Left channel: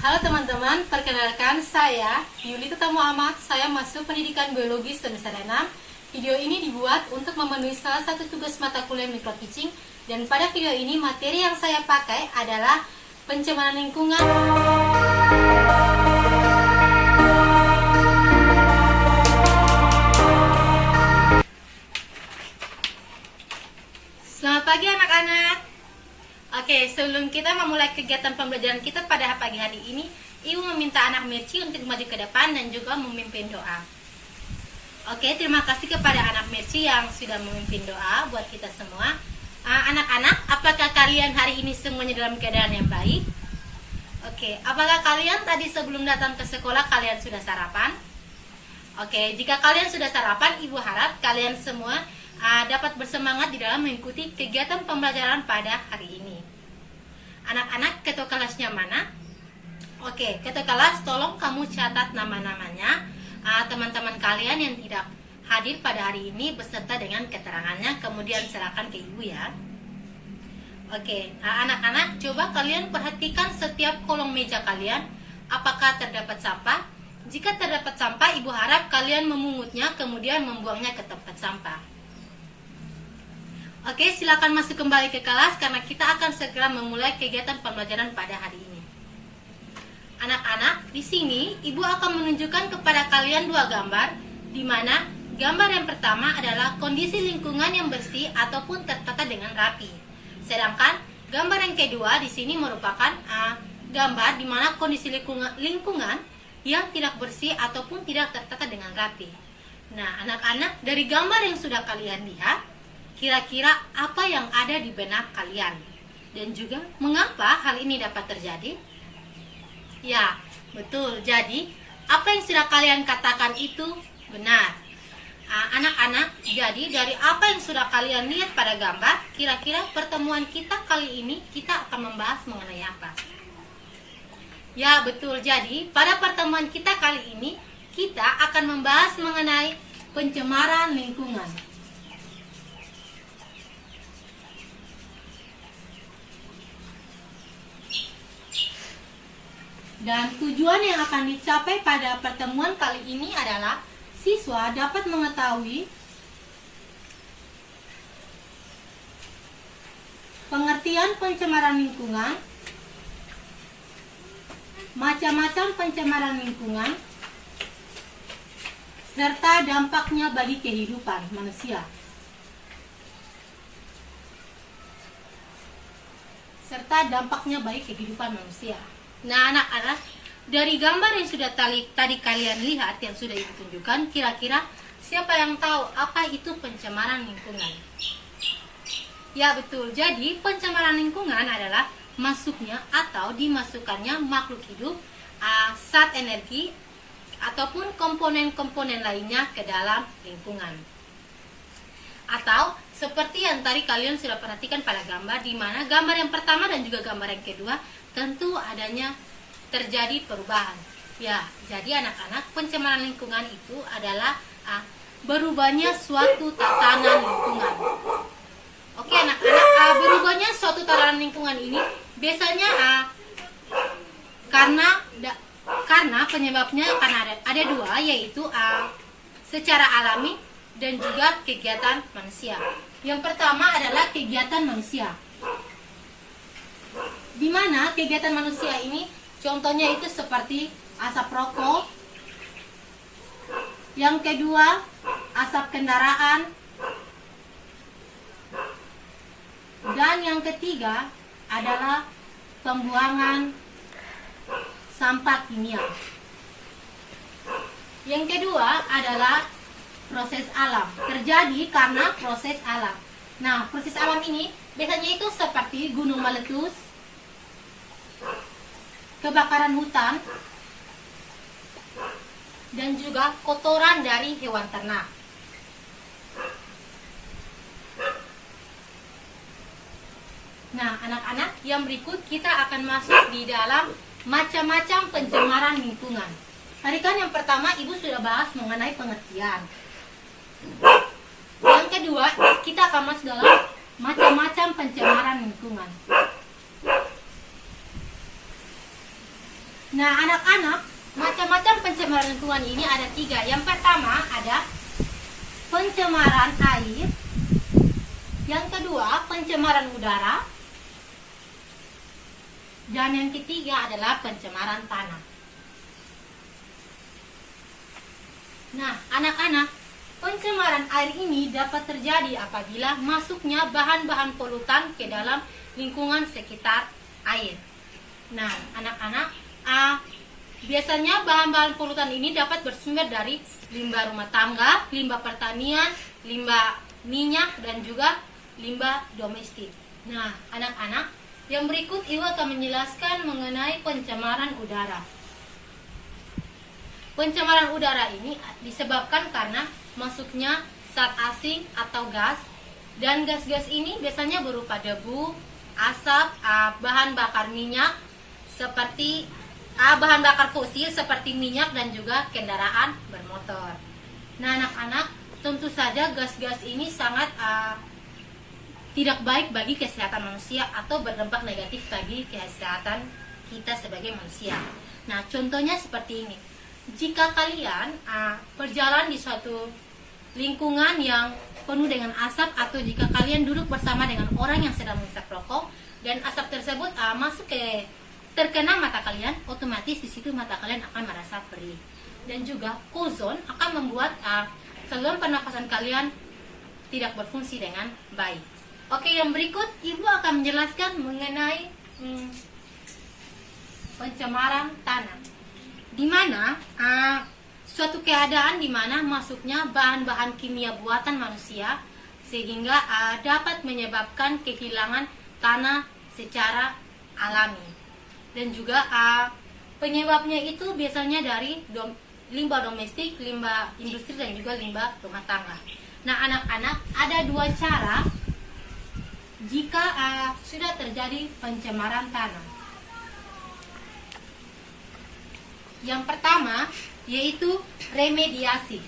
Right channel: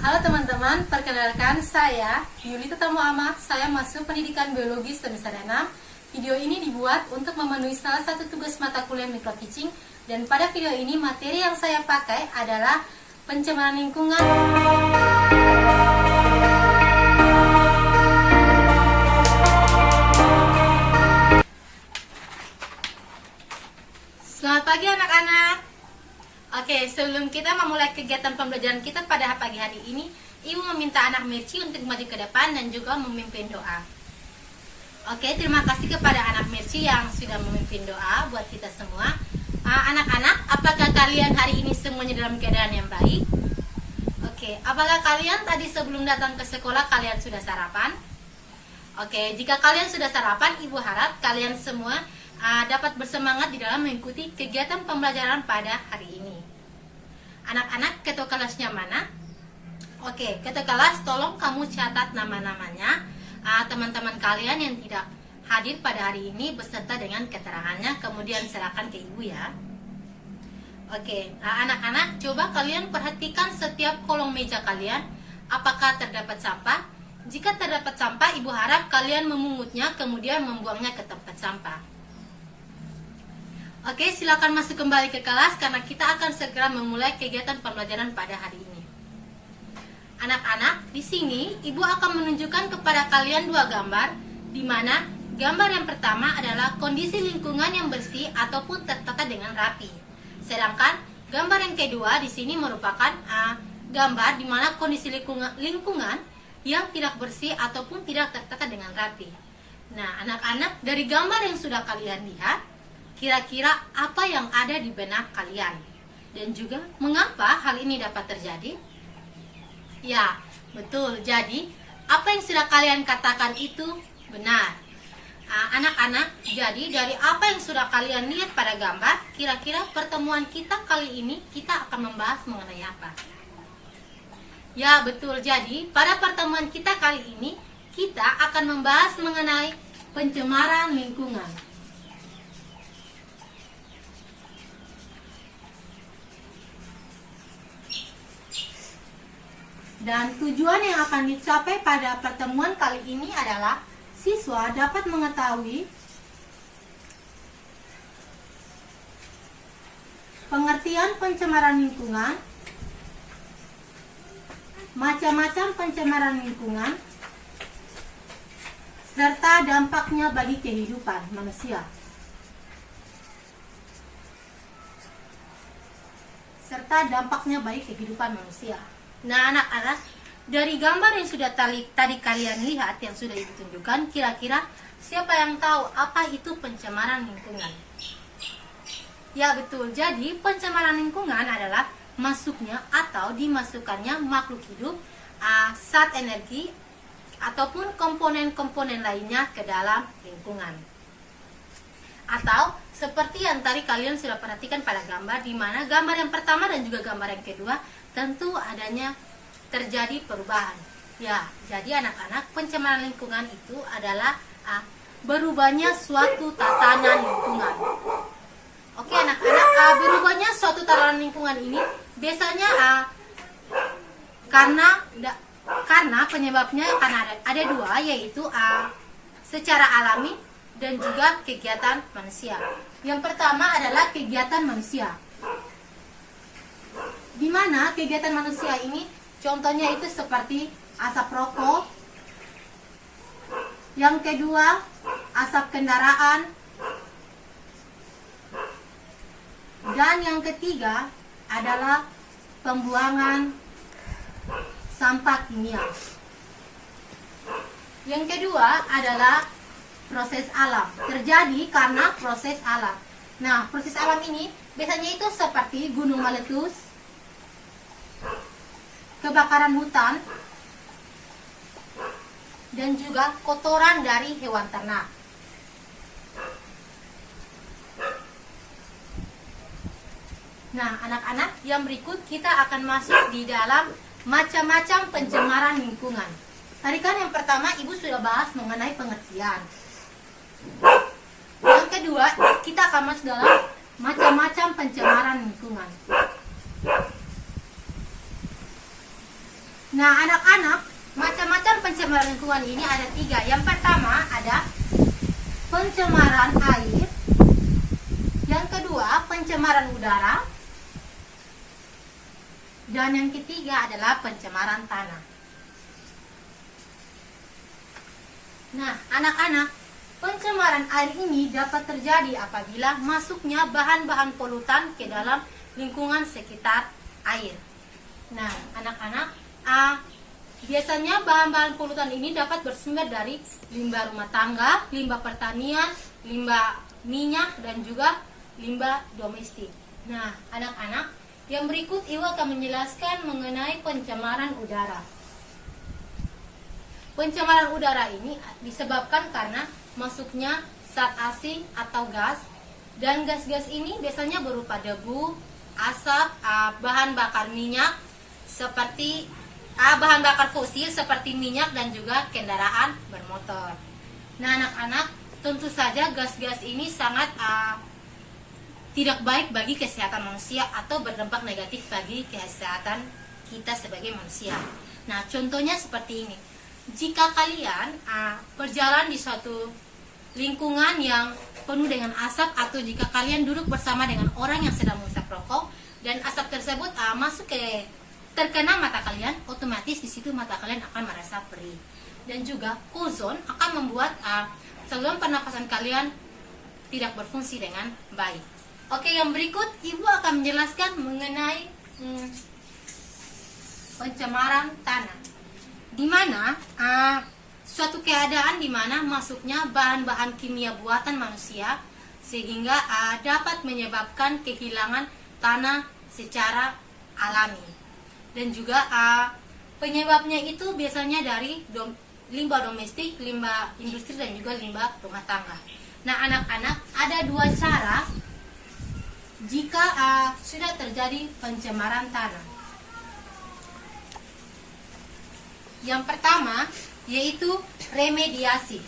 Halo teman-teman, perkenalkan saya Yuli Tetamu Ahmad. Saya masuk pendidikan biologi semester 6. Video ini dibuat untuk memenuhi salah satu tugas mata kuliah micro teaching. Dan pada video ini materi yang saya pakai adalah pencemaran lingkungan. Selamat pagi anak-anak. Oke, sebelum kita memulai kegiatan pembelajaran kita pada pagi hari ini, Ibu meminta anak Merci untuk maju ke depan dan juga memimpin doa. Oke, terima kasih kepada anak Merci yang sudah memimpin doa buat kita semua. Anak-anak, apakah kalian hari ini semuanya dalam keadaan yang baik? Oke, apakah kalian tadi sebelum datang ke sekolah kalian sudah sarapan? Oke, jika kalian sudah sarapan, Ibu harap kalian semua dapat bersemangat di dalam mengikuti kegiatan pembelajaran pada hari ini. Anak-anak, ketua kelasnya mana? Oke, ketua kelas tolong kamu catat nama-namanya teman-teman kalian yang tidak hadir pada hari ini beserta dengan keterangannya, kemudian serahkan ke ibu ya. Oke, anak-anak coba kalian perhatikan setiap kolong meja kalian, apakah terdapat sampah? Jika terdapat sampah, ibu harap kalian memungutnya kemudian membuangnya ke tempat sampah. Oke, silakan masuk kembali ke kelas karena kita akan segera memulai kegiatan pembelajaran pada hari ini. Anak-anak, di sini Ibu akan menunjukkan kepada kalian dua gambar, di mana gambar yang pertama adalah kondisi lingkungan yang bersih ataupun tertata dengan rapi. Sedangkan gambar yang kedua di sini merupakan gambar di mana kondisi lingkungan yang tidak bersih ataupun tidak tertata dengan rapi. Nah, anak-anak, dari gambar yang sudah kalian lihat, kira-kira apa yang ada di benak kalian? Dan juga mengapa hal ini dapat terjadi? Ya, betul. Jadi, apa yang sudah kalian katakan itu benar. Anak-anak, jadi dari apa yang sudah kalian lihat pada gambar, kira-kira pertemuan kita kali ini kita akan membahas mengenai apa? Ya, betul. Jadi, pada pertemuan kita kali ini, kita akan membahas mengenai pencemaran lingkungan. Dan tujuan yang akan dicapai pada pertemuan kali ini adalah siswa dapat mengetahui pengertian pencemaran lingkungan, macam-macam pencemaran lingkungan, serta dampaknya bagi kehidupan manusia. Nah, anak-anak, dari gambar yang sudah tadi kalian lihat, yang sudah Ibu tunjukkan, kira-kira siapa yang tahu apa itu pencemaran lingkungan? Ya, betul. Jadi, pencemaran lingkungan adalah masuknya atau dimasukkannya makhluk hidup, zat energi, ataupun komponen-komponen lainnya ke dalam lingkungan. Atau seperti yang tadi kalian sudah perhatikan pada gambar, di mana gambar yang pertama dan juga gambar yang kedua tentu adanya terjadi perubahan. Ya, jadi anak-anak, pencemaran lingkungan itu adalah berubahnya suatu tatanan lingkungan. Oke anak-anak, berubahnya suatu tatanan lingkungan ini biasanya karena penyebabnya karena ada dua, yaitu secara alami dan juga kegiatan manusia. Yang pertama adalah kegiatan manusia, di mana kegiatan manusia ini contohnya itu seperti asap rokok. Yang kedua, asap kendaraan. Dan yang ketiga adalah pembuangan sampah kimia. Yang kedua adalah proses alam. Terjadi karena proses alam. Nah, proses alam ini biasanya itu seperti gunung meletus, kebakaran hutan, dan juga kotoran dari hewan ternak. Nah, anak-anak, yang berikut kita akan masuk di dalam macam-macam pencemaran lingkungan. Tadi kan yang pertama Ibu sudah bahas mengenai pengertian. Yang kedua, kita akan masuk dalam macam-macam pencemaran lingkungan. Nah, anak-anak, macam-macam pencemaran lingkungan ini ada 3. Yang pertama ada pencemaran air. Yang kedua, pencemaran udara. Dan yang ketiga adalah pencemaran tanah. Nah, anak-anak, pencemaran air ini dapat terjadi apabila masuknya bahan-bahan polutan ke dalam lingkungan sekitar air. Nah, anak-anak, biasanya bahan-bahan polutan ini dapat bersumber dari limbah rumah tangga, limbah pertanian, limbah minyak, dan juga limbah domestik. Nah, anak-anak, yang berikut Ibu akan menjelaskan mengenai pencemaran udara. Pencemaran udara ini disebabkan karena masuknya zat asing atau gas, dan gas-gas ini biasanya berupa debu, asap, bahan bakar minyak seperti bahan bakar fosil seperti minyak dan juga kendaraan bermotor. Nah, anak-anak, tentu saja gas-gas ini sangat tidak baik bagi kesehatan manusia atau berdampak negatif bagi kesehatan kita sebagai manusia. Nah, contohnya seperti ini. Jika kalian berjalan di suatu lingkungan yang penuh dengan asap, atau jika kalian duduk bersama dengan orang yang sedang menghisap rokok dan asap tersebut masuk ke terkena mata kalian, otomatis di situ mata kalian akan merasa perih. Dan juga ozon akan membuat saluran pernafasan kalian tidak berfungsi dengan baik. Oke, yang berikut Ibu akan menjelaskan mengenai pencemaran tanah, di mana suatu keadaan di mana masuknya bahan-bahan kimia buatan manusia sehingga dapat menyebabkan kehilangan tanah secara alami. Dan juga penyebabnya itu biasanya dari limbah domestik, limbah industri, dan juga limbah rumah tangga. Nah, anak-anak, ada 2 cara jika sudah terjadi pencemaran tanah. Yang pertama yaitu remediasi.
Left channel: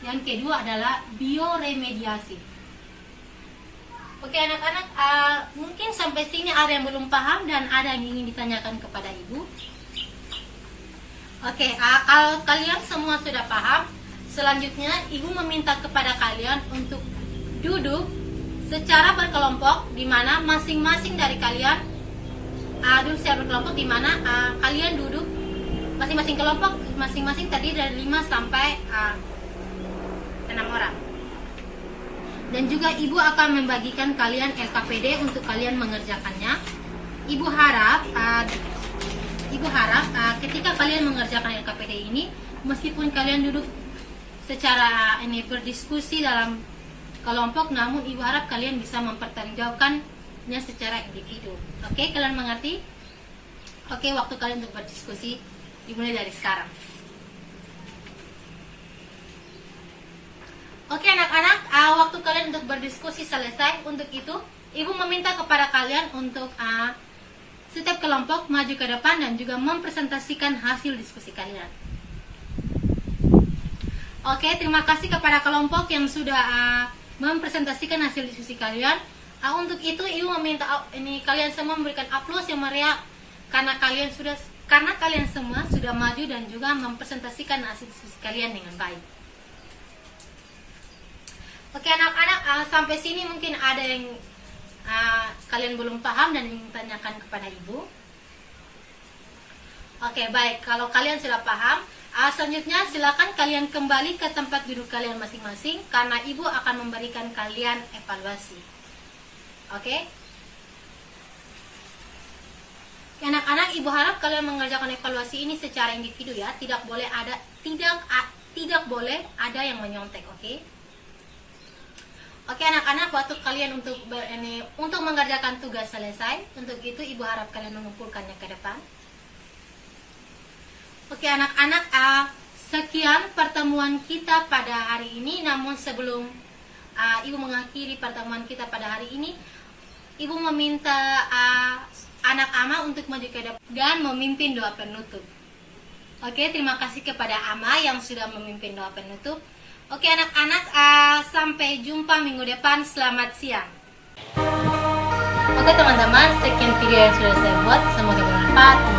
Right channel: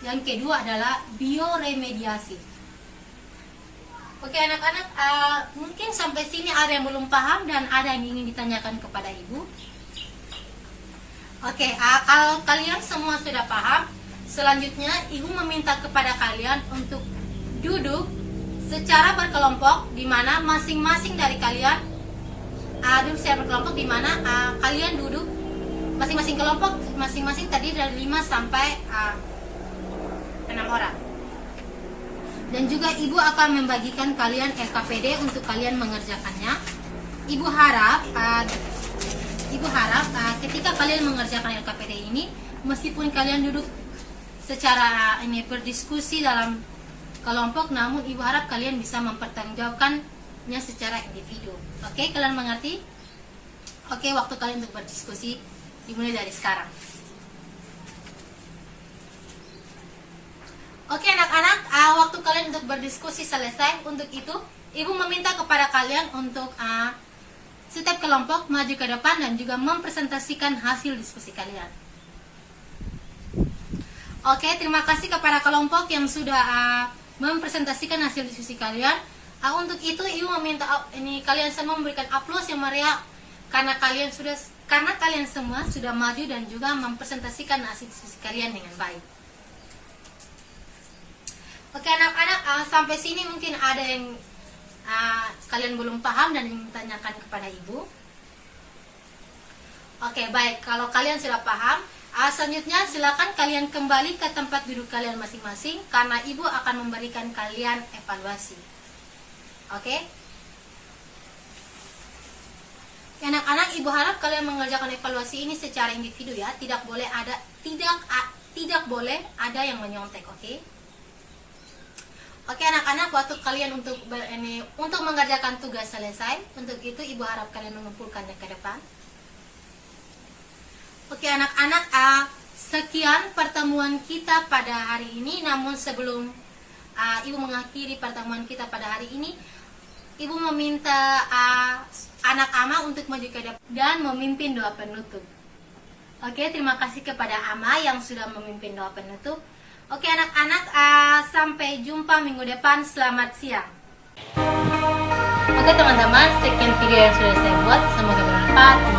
Yang kedua adalah bioremediasi. Oke, anak-anak, mungkin sampai sini ada yang belum paham dan ada yang ingin ditanyakan kepada Ibu. Oke, kalau kalian semua sudah paham, selanjutnya Ibu meminta kepada kalian untuk duduk secara berkelompok, di mana masing-masing dari kalian duduk secara berkelompok, di mana kalian duduk masing-masing kelompok, masing-masing tadi dari 5 sampai 6 orang. Dan juga Ibu akan membagikan kalian LKPD untuk kalian mengerjakannya. Ibu harap ketika kalian mengerjakan LKPD ini, meskipun kalian duduk secara berdiskusi dalam kelompok, namun Ibu harap kalian bisa mempertanggungjawabkannya secara individu. Oke, kalian mengerti? Oke, waktu kalian untuk berdiskusi dimulai dari sekarang. Oke, anak-anak, waktu kalian untuk berdiskusi selesai. Untuk itu, Ibu meminta kepada kalian untuk setiap kelompok maju ke depan dan juga mempresentasikan hasil diskusi kalian. Oke, terima kasih kepada kelompok yang sudah mempresentasikan hasil diskusi kalian. Untuk itu, Ibu meminta kalian semua memberikan aplaus yang meriah karena kalian semua sudah maju dan juga mempresentasikan hasil diskusi kalian dengan baik. Oke, anak-anak, sampai sini mungkin ada yang kalian belum paham dan ingin tanyakan kepada Ibu. Oke, baik. Kalau kalian sudah paham, selanjutnya silakan kalian kembali ke tempat duduk kalian masing-masing karena Ibu akan memberikan kalian evaluasi. Oke? Anak-anak, Ibu harap kalian mengerjakan evaluasi ini secara individu ya. Tidak boleh ada yang menyontek, oke? Oke, anak-anak, waktu kalian untuk mengerjakan tugas selesai. Untuk itu Ibu harap kalian mengumpulkannya ke depan. Oke, anak-anak, sekian pertemuan kita pada hari ini. Namun sebelum Ibu mengakhiri pertemuan kita pada hari ini, Ibu meminta anak Ama untuk maju ke depan dan memimpin doa penutup. Oke, terima kasih kepada Ama yang sudah memimpin doa penutup. Oke, anak-anak, sampai jumpa minggu depan. Selamat siang. Oke teman-teman, sekian video yang sudah saya buat. Semoga bermanfaat.